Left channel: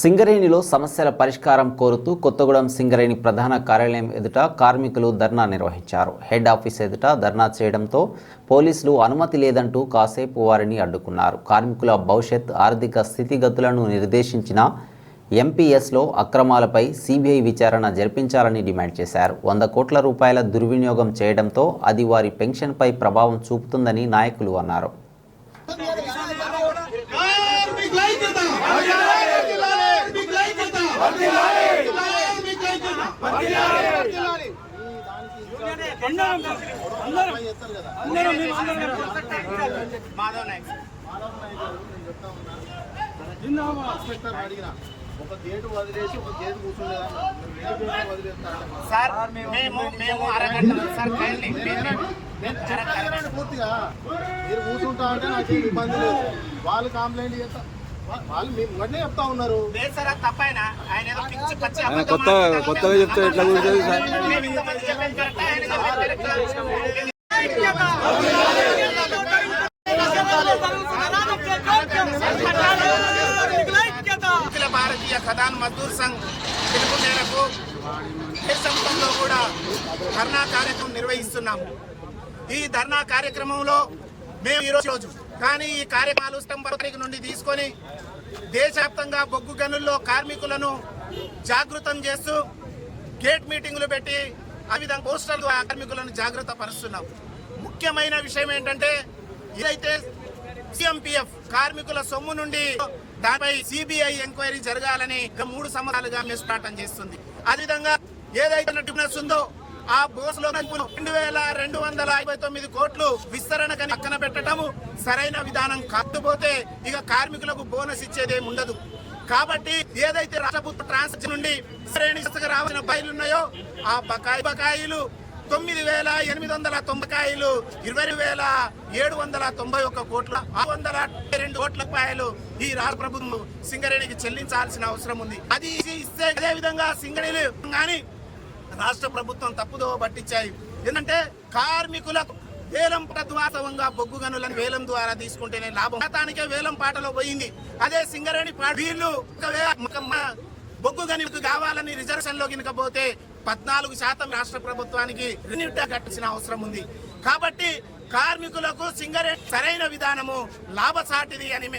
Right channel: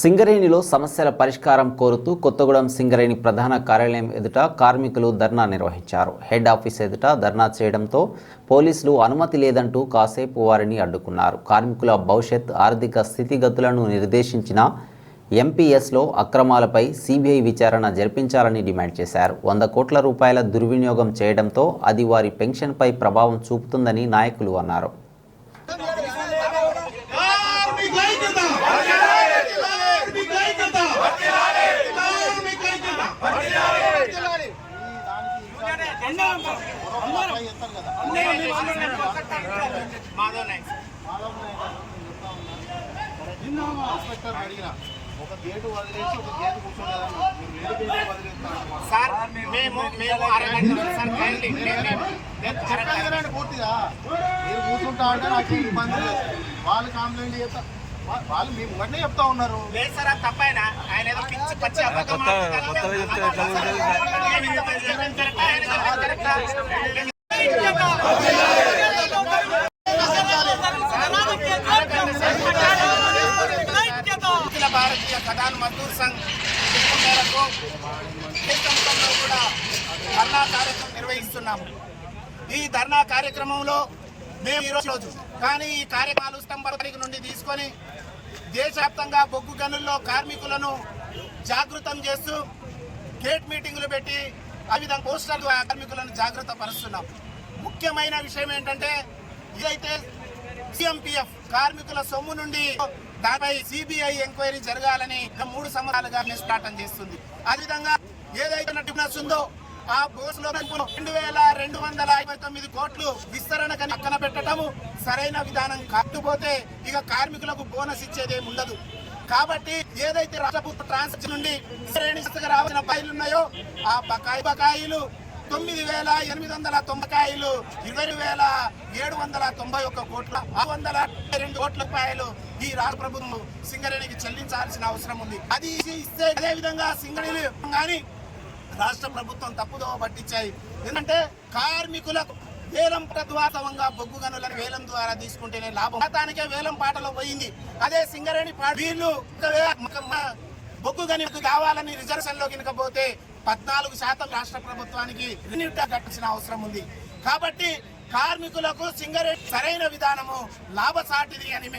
సింగరేణిలో సమస్యల పరిష్కారం కోరుతూ కొత్తగూడెం సింగరేణి ప్రధాన కార్యాలయం ఎదుట కార్మికులు ధర్నా నిర్వహించారు. హెడ్ ఆఫీస్ ఎదుట ధర్నా చేయడంతో పోలీసులు అనుమతి లేదంటూ కాసేపు వారిని అడ్డుకున్నారు. కార్మికుల భవిష్యత్ ఆర్థిక స్థితిగతులను నిర్దేశించిన ఎంపీఎస్లో అక్రమాలపై సిబిఐ విచారణ జరిపించాలని డిమాండ్ చేశారు. వంద కోట్ల రూపాయల దుర్వినియోగం చేయడంతో అది వారి పెన్షన్పై ప్రభావం చూపుతుందని నాయకులు అన్నారు కార్మికుల ఐక్యత కార్మికుల ఐక్యత కార్మికుల ఐక్యత ఇన్స్పెక్టర్ అడిగిన ఒక గేటు వదిలేసి ఒక గేటు సార్ మేము మేము అరగంట సార్ కైండ్లీ మేము పూర్తిగా మీరు కూర్చుంటా అంటే నాకు ఇబ్బంది లేదు. వాళ్ళు కంప్లైంట్ చేస్తా వాళ్ళు మేము వెంటనే చెప్తా ఉన్నారు. లేదు సార్ అది తప్పైనా. కొత్తగా చెప్తే? అఖిల భారతీయ ఖదాన్ మజ్దూర్ సంఘ్ పిలుపు మేరకు దేశంలో కూడా ధర్నా కార్యక్రమం నిర్వహిస్తున్నాము ఈ ధర్నా కార్యక్రమంలో మేము ఈ రోజు కానీ ఈ కార్యక్రమాలు స్తంభ నుండి తీసుకొని దేశవ్యాప్తంగా బొగ్గు గనుల్లో కార్మికులను జాగృతం చేస్తూ గేట్ మీటింగులు పెట్టి ఆ విధంగా పోస్టర్లు కార్మికులను జాగ్రత్త పరుస్తున్నాం. ముఖ్యమైన విషయం ఏంటంటే ఇదైతే సిఎంపిఎఫ్ కార్మికుల సొమ్ము నుండి దానిపై సిబిఐ ఎంక్వైరీ జరగాలని మూడు సంవత్సరాలుగా నిష్పాటం చేస్తుంది. అదేవిధంగా ఏదైతే ట్రిబ్యునల్స్ ఉందో ఆ బోసులో రెండు వేల రెండు వందల యాభై తొమ్మిది కోట్లు విస్తరణ కని పక్కన పెట్టడము సరైన విధానం కట్టుపోతే ఇక కార్మికులకు బోనస్ ఇచ్చేదేమి ఉండదు. కాబట్టి ఏదైతే రాష్ట్ర ప్రభుత్వ ట్రాన్సాక్షన్ నుండి శ్రేణి రావాల్సిన బకాయిలు ఉన్నాయో ఆ బకాయి బకాయిలు తొమ్మిది వేల ఎనిమిది వందల తొంభైలు ఇరవై వేల ఏడు వందల తొంభై ఒక్క కోట్ల ఆరు వందల రెండు కోట్ల రూపాయలు ఈ రాష్ట్ర ప్రభుత్వం సింగరేణికి చెల్లించాల్సిన అవసరం ఉంది. అది ఇస్తే అదే విధంగా సింగరేణి కానీ రాష్ట్ర ప్రభుత్వం తప్పుదోవ పట్టించాయి. ఎందుకంటే కార్మికులకు వేలం ప్రద్వాసవంగా బొగ్గు గనులను వేలం ద్వారా తీసుకుంటేనే లాభం. గతానికే వేలం పాటలో పోయింది. అదే సింగరేణి వీళ్ళు బొగ్గు గనులకు కావాలని రిజర్వేషన్లో గినక పోతే పద్నాలుగు శాతం రాష్ట్ర ప్రభుత్వానికి కట్టాల్సిన అవసరం ఉంది. కాబట్టి కార్మికులకు సింగరేట్ సరైన విధానము లాభసాటిది అని